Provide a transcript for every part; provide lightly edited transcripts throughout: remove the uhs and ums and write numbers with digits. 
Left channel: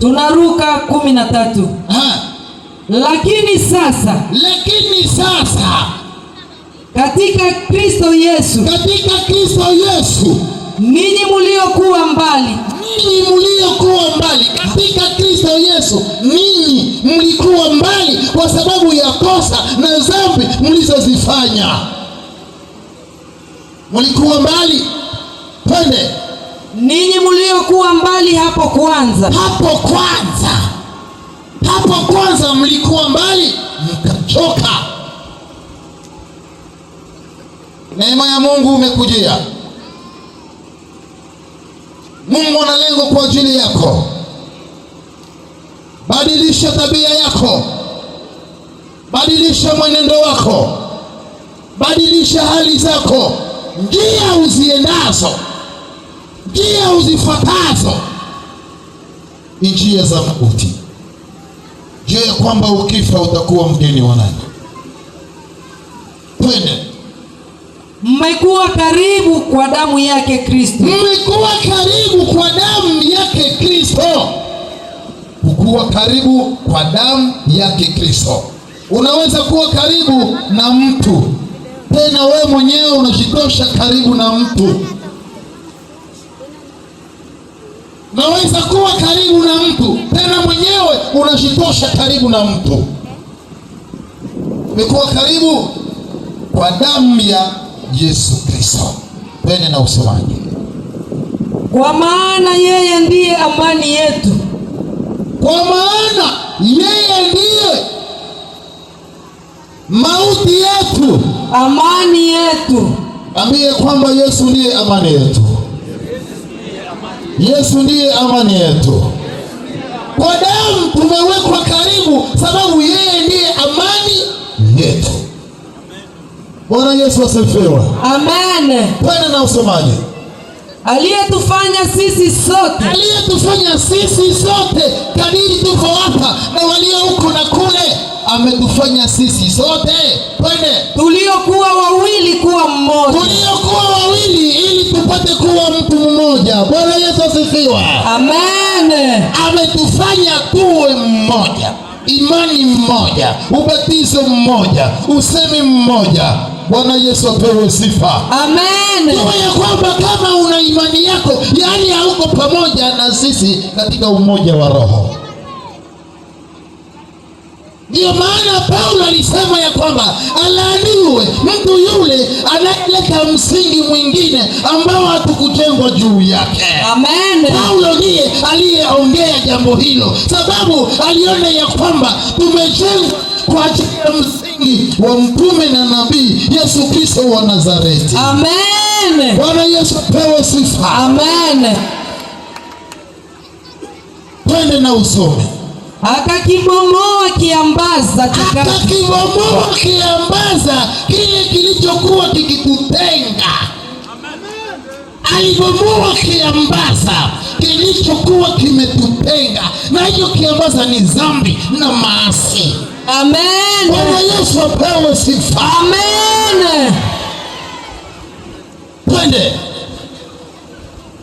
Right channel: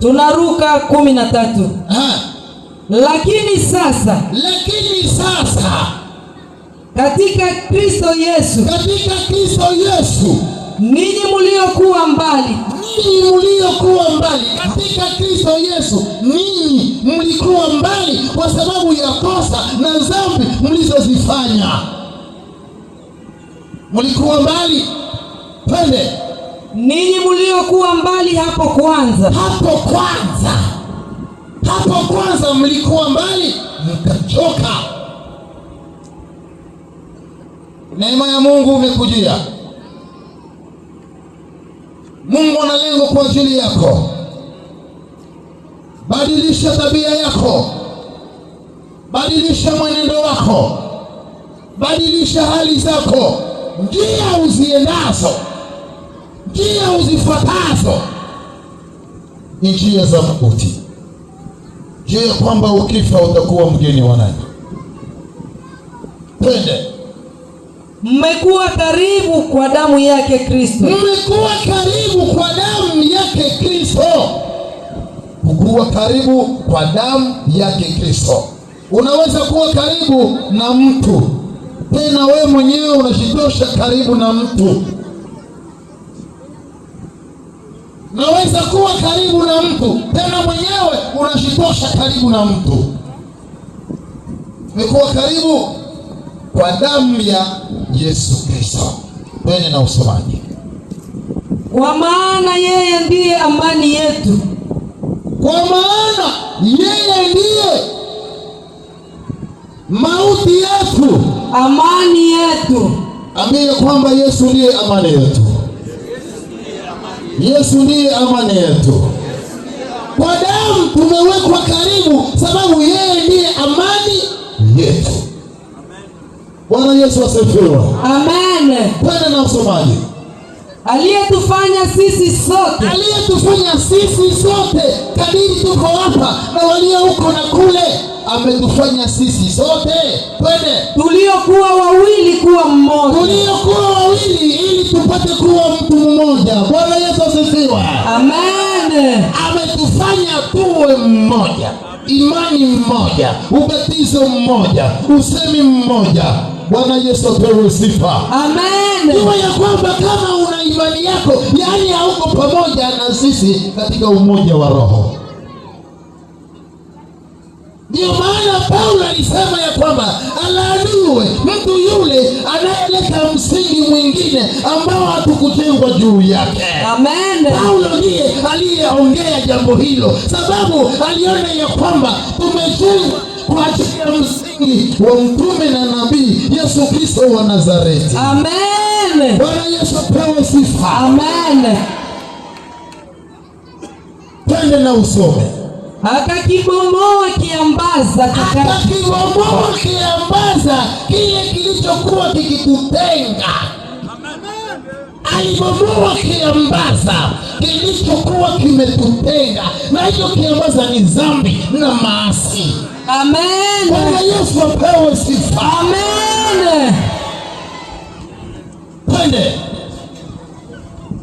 Tunaruka 13. Lakini sasa katika Kristo Yesu, ninyi mliokuwa mbali, katika Kristo Yesu, ninyi mlikuwa mbali kwa sababu ya kosa na dhambi mlizozifanya. Mlikuwa mbali. Twende. Ninyi mliokuwa mbali hapo kwanza mlikuwa mbali, mkachoka. Neema ya Mungu umekujia. Mungu ana lengo kwa ajili yako. Badilisha tabia yako, badilisha mwenendo wako, badilisha hali zako, njia uziendazo, njia uzifuatazo ni njia za mauti. Jua ya kwamba ukifa utakuwa mgeni wa nani? Twende. Mmekuwa karibu kwa damu yake Kristo. Kuwa karibu kwa damu yake Kristo. Unaweza kuwa karibu na mtu, tena wewe mwenyewe unajitosha karibu na mtu. Unaweza kuwa karibu na mtu, tena mwenyewe unajitosha karibu na mtu. Umekuwa karibu kwa damu ya Yesu Kristo. Twende na usomaji. Kwa maana yeye ndiye amani yetu. Kwa maana yeye ndiye mauti yetu, amani yetu. Ambie kwamba Yesu ndiye amani yetu. Yesu ndiye amani yetu. Kwa damu tumewekwa karibu sababu yeye ndiye amani yetu. Bwana Yesu asifiwe. Amen. Twende na usomaji. Aliyetufanya sisi sote kadiri tuko hapa na walio huko na kule, ametufanya sisi sote. Twende. Tuliokuwa wawili kuwa mmoja, ili tupate kuwa mtu mmoja. Bwana Yesu asifiwe. Amen. Ametufanya tuwe mmoja, imani mmoja, ubatizo mmoja, usemi mmoja. Bwana Yesu apewe sifa. Amen. Jua ya kwamba kama una imani yako, yani hauko pamoja na sisi katika umoja wa roho. Ndio maana Paulo alisema ya kwamba alaaniwe mtu yule anayeleta msingi mwingine ambao hatukujengwa juu yake. Amen. Paulo ndiye aliyeongea jambo hilo, sababu aliona ya kwamba tumejengwa kwa ajili ya msingi wa mtume na nabii Yesu Kristo wa Nazareti. Amen. Bwana Yesu pewe sifa. Amen. Twende na usome. Akakibomoa kiambaza kile kilichokuwa kikitutenga. Alibomoa kiambaza kilichokuwa kimetutenga, na hiyo kiambaza ni dhambi na maasi. Amen. Bwana Yesu apewe sifa. Amen. Twende.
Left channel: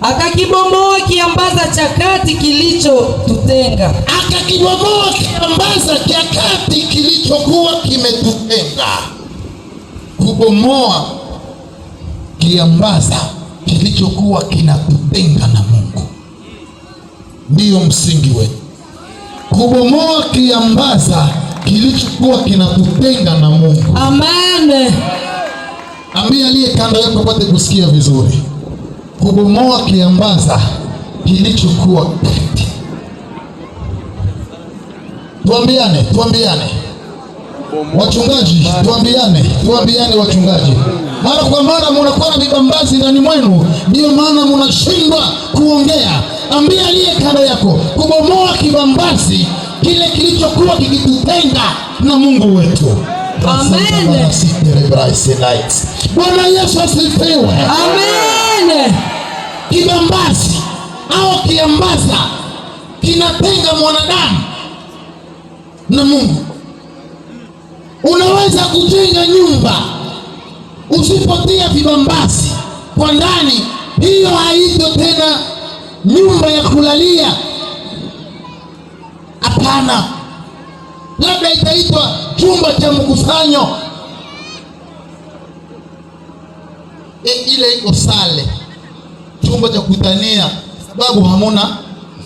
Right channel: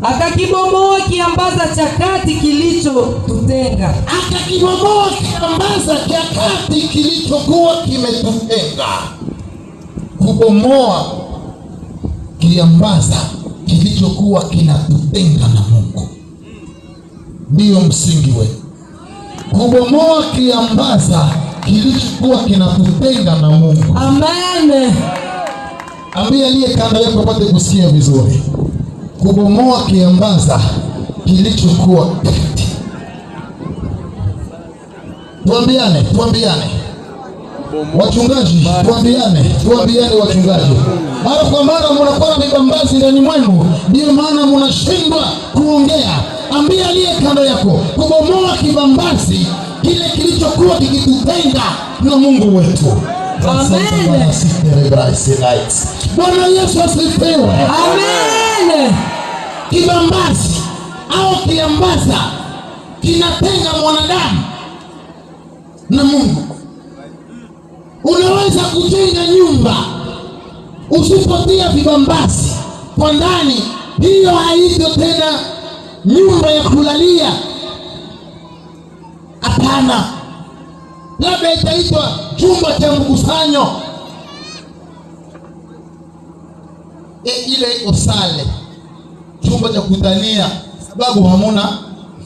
Akakibomoa kiambaza cha kati kilichotutenga. Akakibomoa kiambaza cha kati kilichokuwa kimetutenga. Kubomoa kiambaza kilichokuwa kinatutenga na Mungu ndiyo msingi wetu. Kubomoa kiambaza kilichokuwa kinatutenga na Mungu. Amen. Ambia aliye kando yako apate kusikia vizuri. Kubomoa kiambaza kilichokuwa kati. Tuambiane. Wachungaji, tuambiane wachungaji. Mara kwa mara mnakuwa na vibambazi ndani mwenu, ndio maana mnashindwa kuongea. Ambia aliye kando yako, kubomoa kibambazi kile kilichokuwa kikitutenga na Mungu wetu. Amen. Bwana Yesu asifiwe. Amen. Kibambazi au kiambaza kinatenga mwanadamu na Mungu. Unaweza kujenga nyumba usipotia vibambazi kwa ndani, hiyo haito tena nyumba ya kulalia. Hapana, labda itaitwa chumba cha mkusanyo. Ile iko sale, chumba cha kutania, sababu hamuna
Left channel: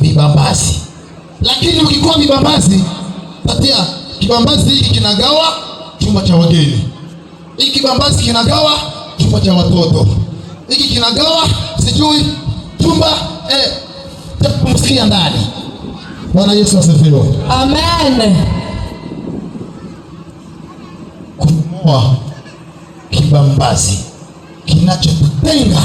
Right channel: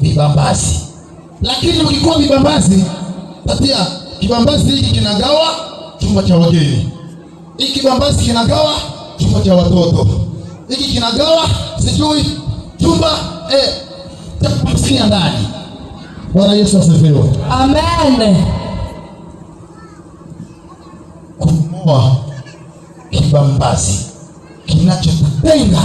vibambasi. Lakini ukikuwa vibambasi, tatia kibambasi hiki kinagawa chumba cha wageni, hiki kibambasi kinagawa chumba cha watoto, hiki kinagawa sijui chumba cha kupumzikia ndani. Bwana Yesu asifiwe. Amen. Kumoa kibambasi kinachotutenga